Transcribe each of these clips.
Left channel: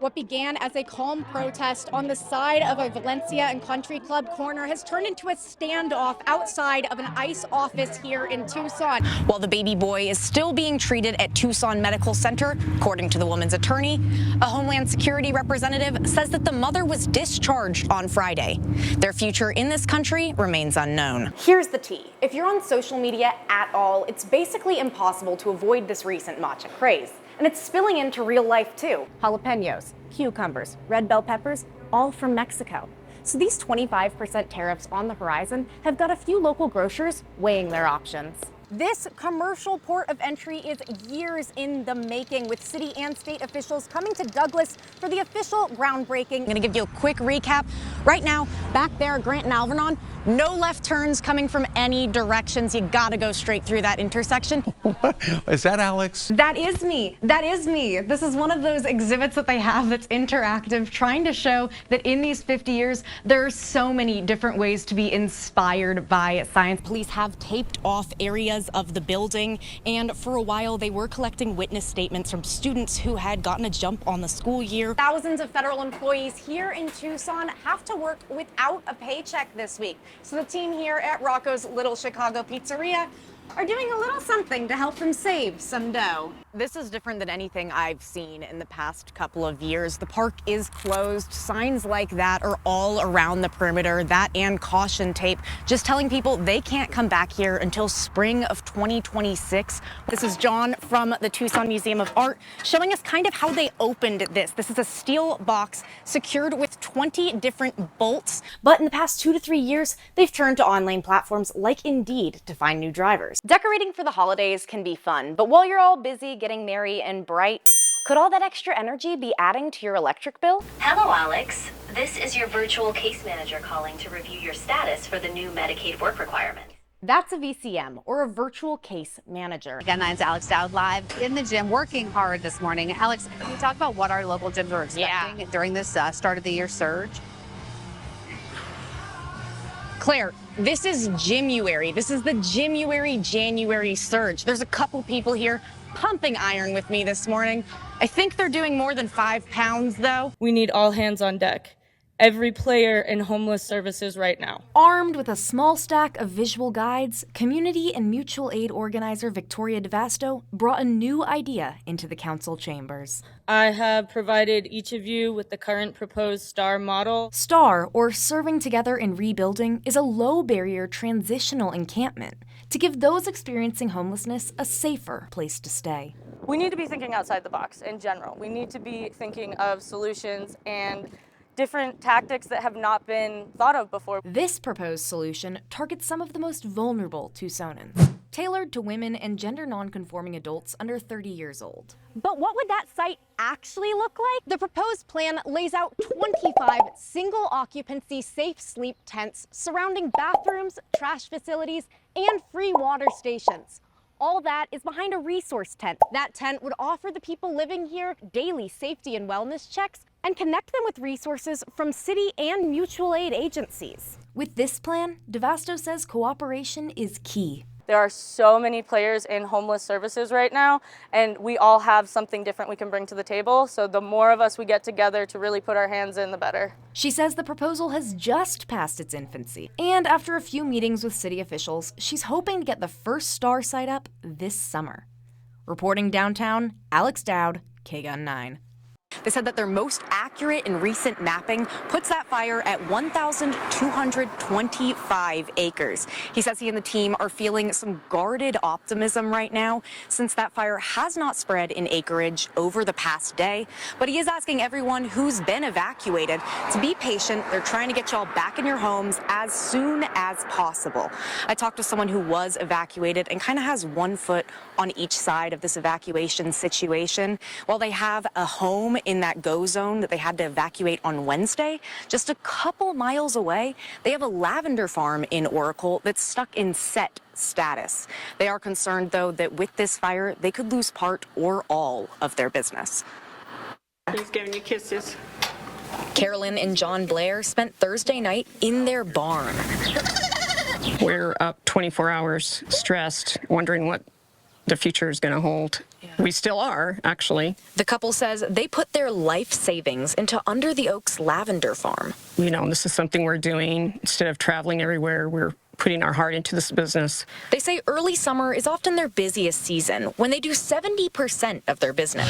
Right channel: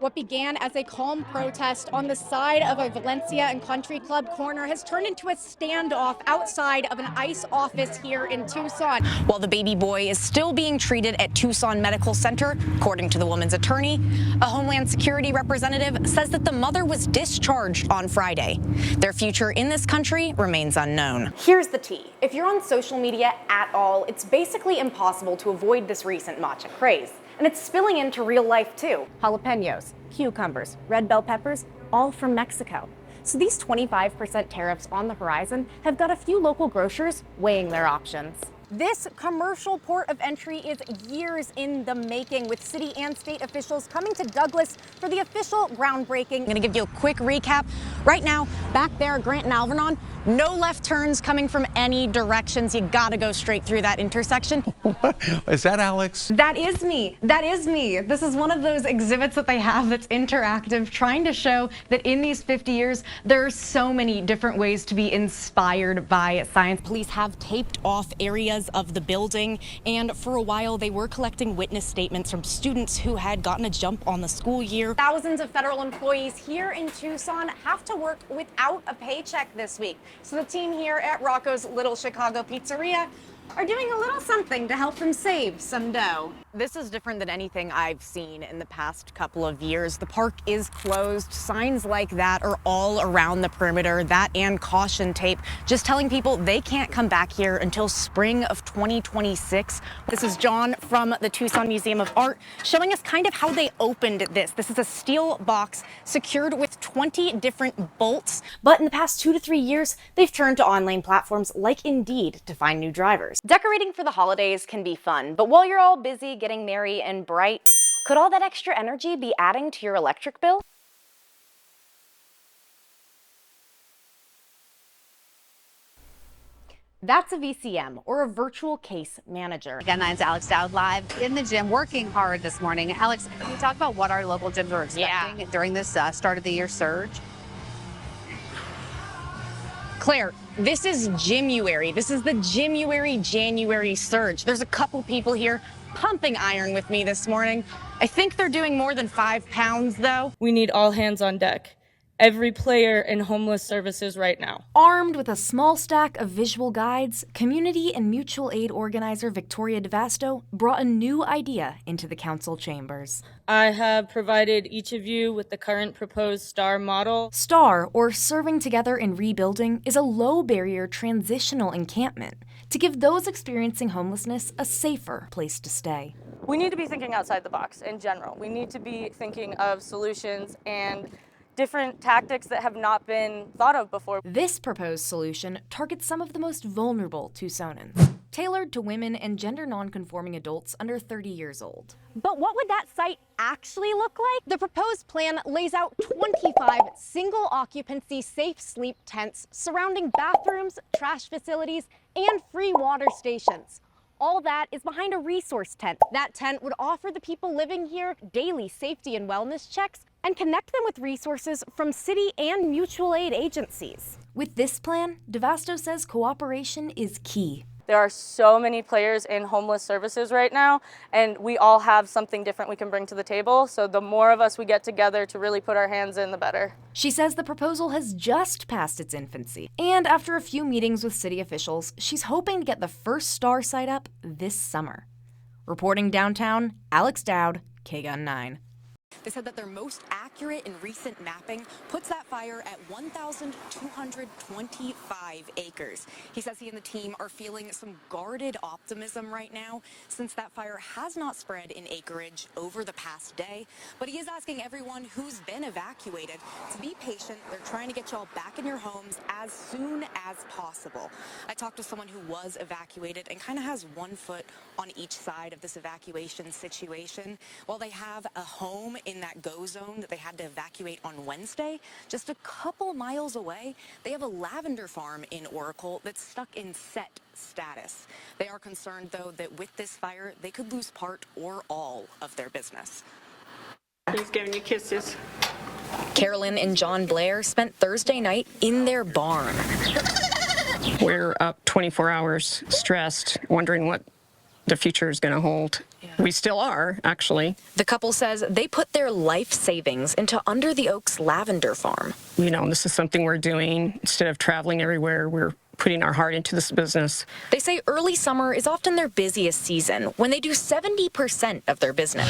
What began as a calm protest on the side of a Valencia and Country Club corner has turned into a standoff outside of an ICE office here in Tucson. While the baby boy is still being treated at Tucson Medical Center, according to the woman's attorney, a Homeland Security representative says that the mother was discharged on Friday. Their future in this country remains unknown. Here's the tea. If you're on social media at all, it's basically impossible to avoid this recent matcha craze. And it's spilling into real life too. Jalapenos, cucumbers, red bell peppers, all from Mexico. So these 25% tariffs on the horizon have got a few local grocers weighing their options. This commercial port of entry is years in the making, with city and state officials coming to Douglas for the official groundbreaking. I'm gonna give you a quick recap. Right now, back there at Grant and Alvernon, no left turns coming from any directions. You gotta go straight through that intersection. What? Is that Alex? That is me. That is me. This is one of those exhibits that they have that's interactive, trying to show that in these 50 years, there are so many different ways to be inspired by science. Police have taped off areas of the building, and for a while they were collecting witness statements from students who had gotten a jump on the school year. Thousands of federal employees here in Tucson have to work without a paycheck this week. So the team here at Rocco's Little Chicago Pizzeria are doing a little something to help them save some dough. This is different than anything I've seen in the past couple of years. The park is closed. Signs like that are all around the perimeter, that and caution tape, just telling people they can't come back here until spring of 2026. This is John from the Tucson Museum of Art showing us kind of how they opened this. This is a steel box secured with 20 different bolts. But in the past 2 to 3 years, they've turned to online platforms like Indeed to find new drivers. Decorating for the holidays can be fun, but while you're all busy getting merry and bright, could all that extra energy be adding to your electric bill? Hello, Alex. This is your virtual case manager calling to review your status for the new Medicaid work requirement. That's a VCM, or a virtual case manager. Again, that's Alex Dowd live in the gym, working hard this morning. Alex, can you talk about what our local gyms are expecting during this start of the year surge? Claire, this is Gymuary. This is the Gymuary January surge. There's a couple people here pumping iron with me this morning. I think they're doing more than 5 pounds though. We need all hands on deck. Every player in homeless services right now. Armed with a small stack of visual guides, community and mutual aid organizer Victoria DeVasto brought a new idea into the council chambers. I have provided each of you with the current proposed STAR model. STAR, or Serving Together in Rebuilding, is a low-barrier transitional encampment to give those experiencing homelessness a safer place to stay. We need to be thinking outside the box in general. We need to be thinking of solutions and different tactics that have not been thought of before. This proposed solution targets some of the most vulnerable Tucsonans, tailored to women and gender non-conforming adults under 30 years old. But what would that site actually look like? The proposed plan lays out 25 single-occupancy safe sleep tents surrounding bathrooms, trash facilities, and free water stations. All that is behind a resource tent. That tent would offer the people living here daily safety and wellness checks and connect them with resources from city and mutual aid agencies. With this plan, DeVasto says cooperation is key. There are so many players in homeless services right now, and we all have something different we can bring to the table. So the more of us we get together to really put our hands in, the better. She says the proposal has just passed its infancy, and after a few meetings with city officials, she's hoping to get the first STAR site up this summer. Reporting downtown, Alex Dowd, KGUN 9. They said that their most accurate and recent mapping puts that fire at 1,225 acres. He says he and the team are feeling some guarded optimism right now, since that fire has not spread in acreage over the past day. But he is asking everyone who's been evacuated to be patient. They're trying to get y'all back in your homes as soon as possible. I talked to someone who was evacuated and kind of has one foot on each side of this evacuation situation. While they have a home in that go zone that they had to evacuate on Wednesday, just a couple miles away, they have a lavender farm in Oracle that's stuck in set status. They are concerned, though, that with this fire, they could lose part or all of their business. He's giving you kisses. Carolyn and John Blair spent Thursday night in their barn. We're up 24 hours, stressed, wondering what the future is going to hold. Yeah. We still are, actually. The couple says they put their life savings into Under the Oaks lavender farm. You know, this is something we're doing. Instead of traveling everywhere, we're putting our heart into this business. They say early summer is often their busiest season, when they do 70% of their business.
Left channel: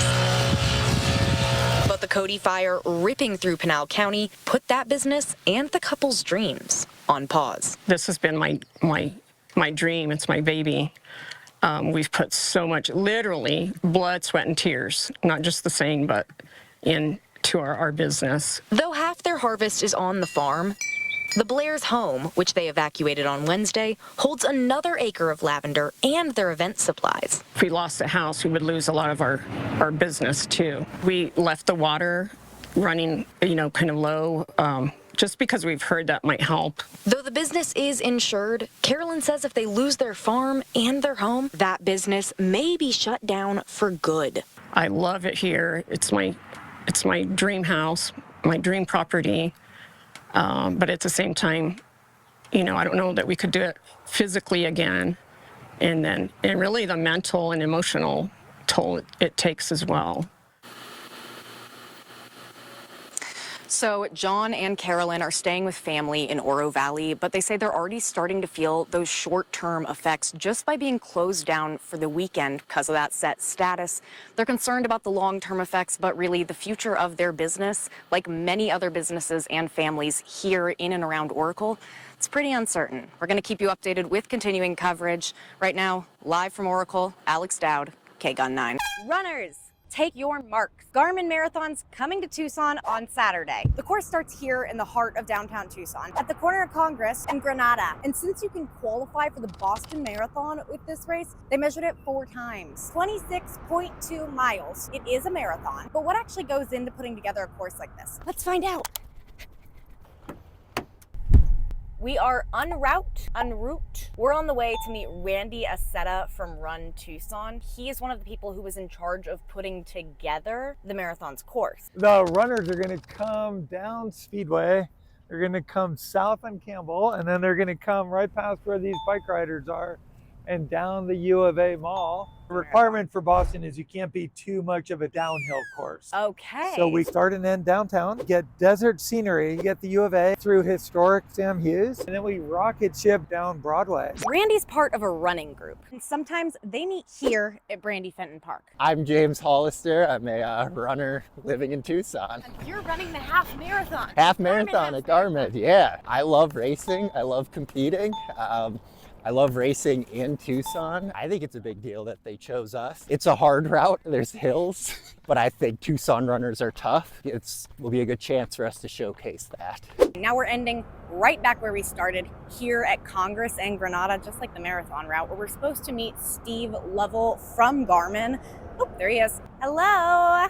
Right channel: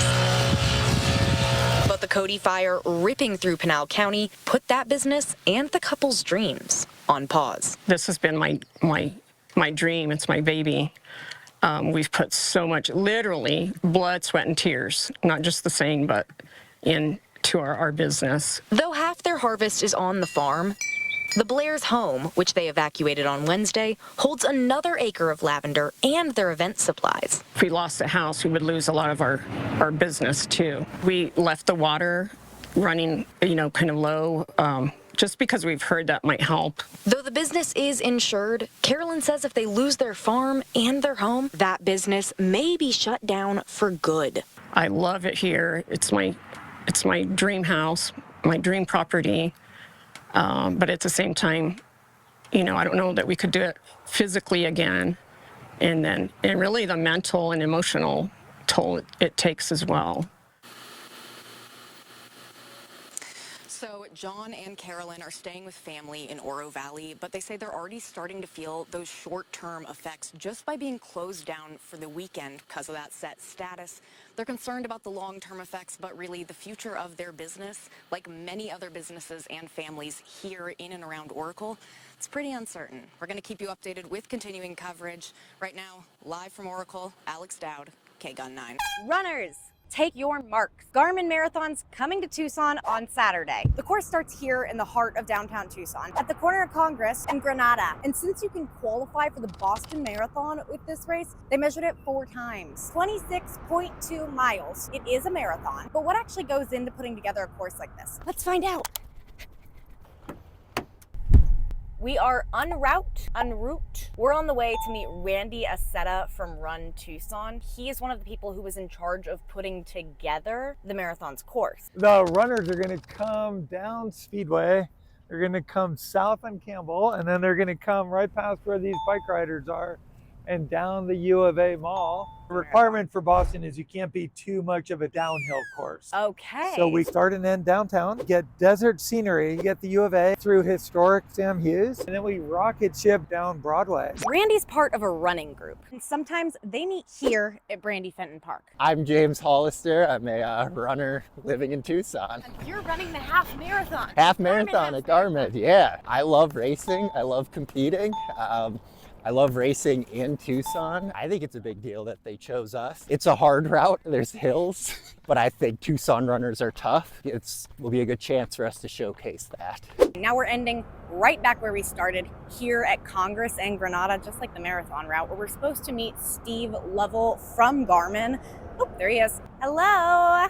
But the Cody fire ripping through Pinal County put that business and the couple's dreams on pause. This has been my dream. It's my baby. We've put so much, literally, blood, sweat, and tears, not just the saying, but into our business. Though half their harvest is on the farm, the Blair's home, which they evacuated on Wednesday, holds another acre of lavender and their event supplies. If we lost the house, we would lose a lot of our business, too. We left the water running, kind of low, just because we've heard that might help. Though the business is insured, Carolyn says if they lose their farm and their home, that business may be shut down for good. I love it here. It's my dream house, my dream property. But at the same time, I don't know that we could do it physically again. And really the mental and emotional toll it takes as well. So John and Carolyn are staying with family in Oro Valley, but they say they're already starting to feel those short-term effects just by being closed down for the weekend because of that set status. They're concerned about the long-term effects, but really the future of their business, like many other businesses and families here in and around Oracle, it's pretty uncertain. We're going to keep you updated with continuing coverage. Right now, live from Oracle, Alex Dowd, KGUN 9. Runners, take your marks. Garmin Marathon's coming to Tucson on Saturday. The course starts here in the heart of downtown Tucson, at the corner of Congress and Granada. And since you can qualify for the Boston Marathon with this race, they measured it 4 times. 26.2 miles. It is a marathon. But what actually goes into putting together a course like this? Let's find out. We are en route. We're on the way to meet Randy Aceta from Run Tucson. He is one of the people who was in charge of putting together the marathon's course. The runners are going to come down Speedway. They're going to come south on Campbell, and then they're going to come right past where these bike riders are and down the U of A Mall. The requirement for Boston is you can't be too much of a downhill course. Okay. So we start and end downtown, get desert scenery, get the U of A through historic Sam Hughes, and then we rocket ship down Broadway. Randy's part of a running group, and sometimes they meet here at Brandy Fenton Park. I'm James Hollister. I'm a runner living in Tucson. And you're running the half marathon. Half marathon at Garmin, yeah. I love racing. I love competing. I love racing in Tucson. I think it's a big deal that they chose us. It's a hard route, there's hills, but I think Tucson runners are tough. Will be a good chance for us to showcase that. Now we're ending right back where we started, here at Congress and Granada, just like the marathon route, where we're supposed to meet Steve Lovell from Garmin. Oh, there he is. Hello.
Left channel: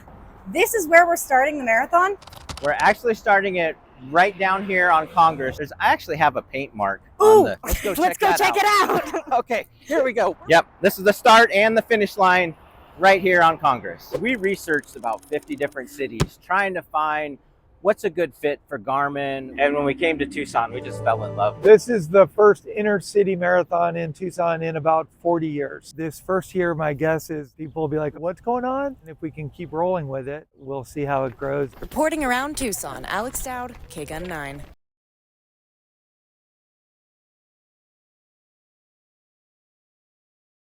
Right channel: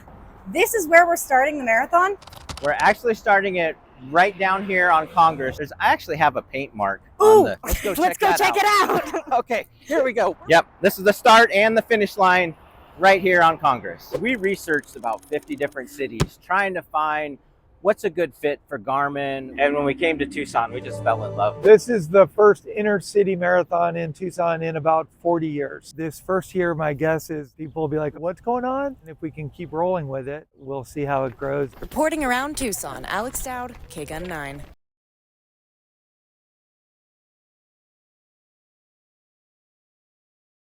This is where we're starting the marathon? We're actually starting it right down here on Congress. I actually have a paint mark. Ooh, let's go check it out. Okay, here we go. Yep, this is the start and the finish line right here on Congress. We researched about 50 different cities trying to find what's a good fit for Garmin. And when we came to Tucson, we just fell in love. This is the first inner city marathon in Tucson in about 40 years. This first year, my guess is people will be like, what's going on? And if we can keep rolling with it, we'll see how it grows. Reporting around Tucson, Alex Dowd, KGUN 9.